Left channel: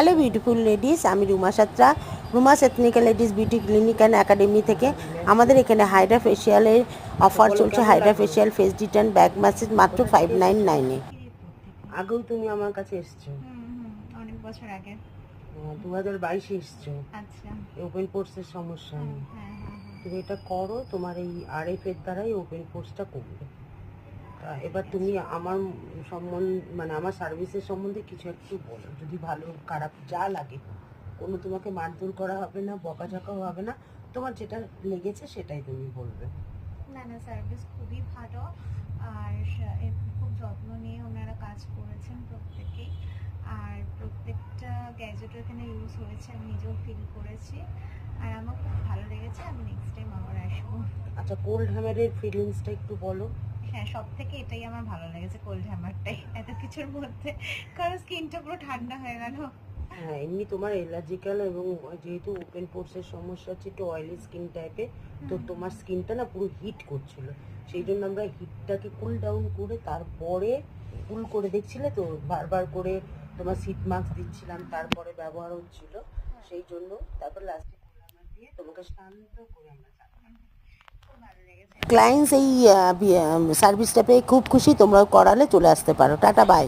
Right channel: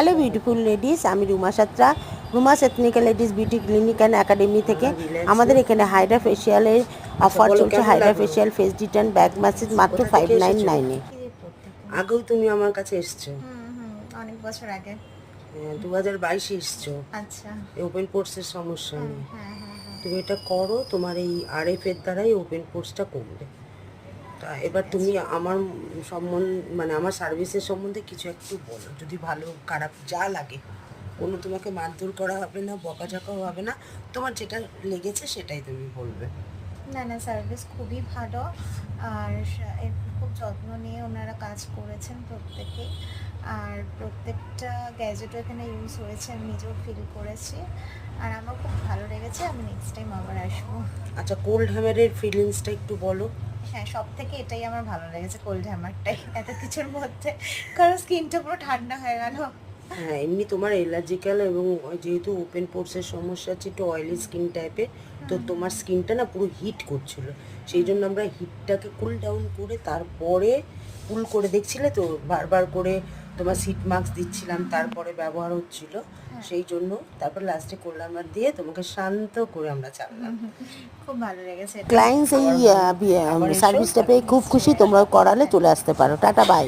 Hello beautiful ladies, আমি Ruma Satra, Ruma's ethnical ladies beauty clinic and academy থেকে। আমাদের এখানে হাইড্রা ফেশিয়ালের অফার চলছে। Hydra facial, face detan, back massage মাত্র 599-এ। আগেও তুমি আমার কাছে এসছো? অনেক বছর আগে। 2022-এ এসছো। আচ্ছা। ওপেন পোর্সের সমস্যা নেই। হ্যাঁ। তুমি এটা করো, তোমার এই আরএফ এর দ্বারাই ওপেন পোর্সটা করবে। তা এবার তুমি আমার মানে আমার সার্ভিসের সম্বন্ধে কিছু একটু বলো, যদি ভালো খারাপ যা লাগে। কোনো তোমাকে মারধর করা হবে না, বকাঝকাও হবে না, তোমার যেটা লেগেছে সেটাই তুমি বলবে। না, সার্ভিস খুবই ভালো, আর খুব যত্ন নিয়ে ওনারা কাজ করেছেন প্রত্যেকেই, আর প্রত্যেকটা গ্যাজেটও এখানে ইউজ হয়েছে, আমি নিজেও ফিল করেছি, আর আমার খুব ভালো লেগেছে। আমি নেক্সট টাইম আবার আসবো। আচ্ছা, কোল্ড হ্যামারের ফিলিংসটা একটু বলো। হ্যাঁ, সব থেকে এটাই আমার ভালো লেগেছে, কোল্ড হ্যামারটাই, এত কিছুর মধ্যে, কারণ স্কিনটা পুরো ঠান্ডা হয়ে গেল। হ্যাঁ, এমনি তোমার অ্যালার্জিক্যাল এবং যেহেতু ওপেন পোর্সের সমস্যা আছে, একটু অয়েলি স্কিন টাইপের, তো তোমার স্কিনটা না পুরো হিট করছিল, সেই জন্য আমরা হিটটাকে কুল ডাউন করে তারপরে কুল করে দেখছিলে তো, বারবার করে তোমার সিট মাস্ক দিচ্ছিলাম, তারপরে ব্যবহার হচ্ছিল, সেই জন্য তারপর লাস্টে করলাম আর দিয়ে তোমাকে শান্ত করে আমরা চাললাম। খুব ভালো লেগেছে। ক্লায়েন্টস এই সার্ভিসটা পেয়ে খুব খুশি। তোমরাও করালে চলে আসতে পারো। Tata, by.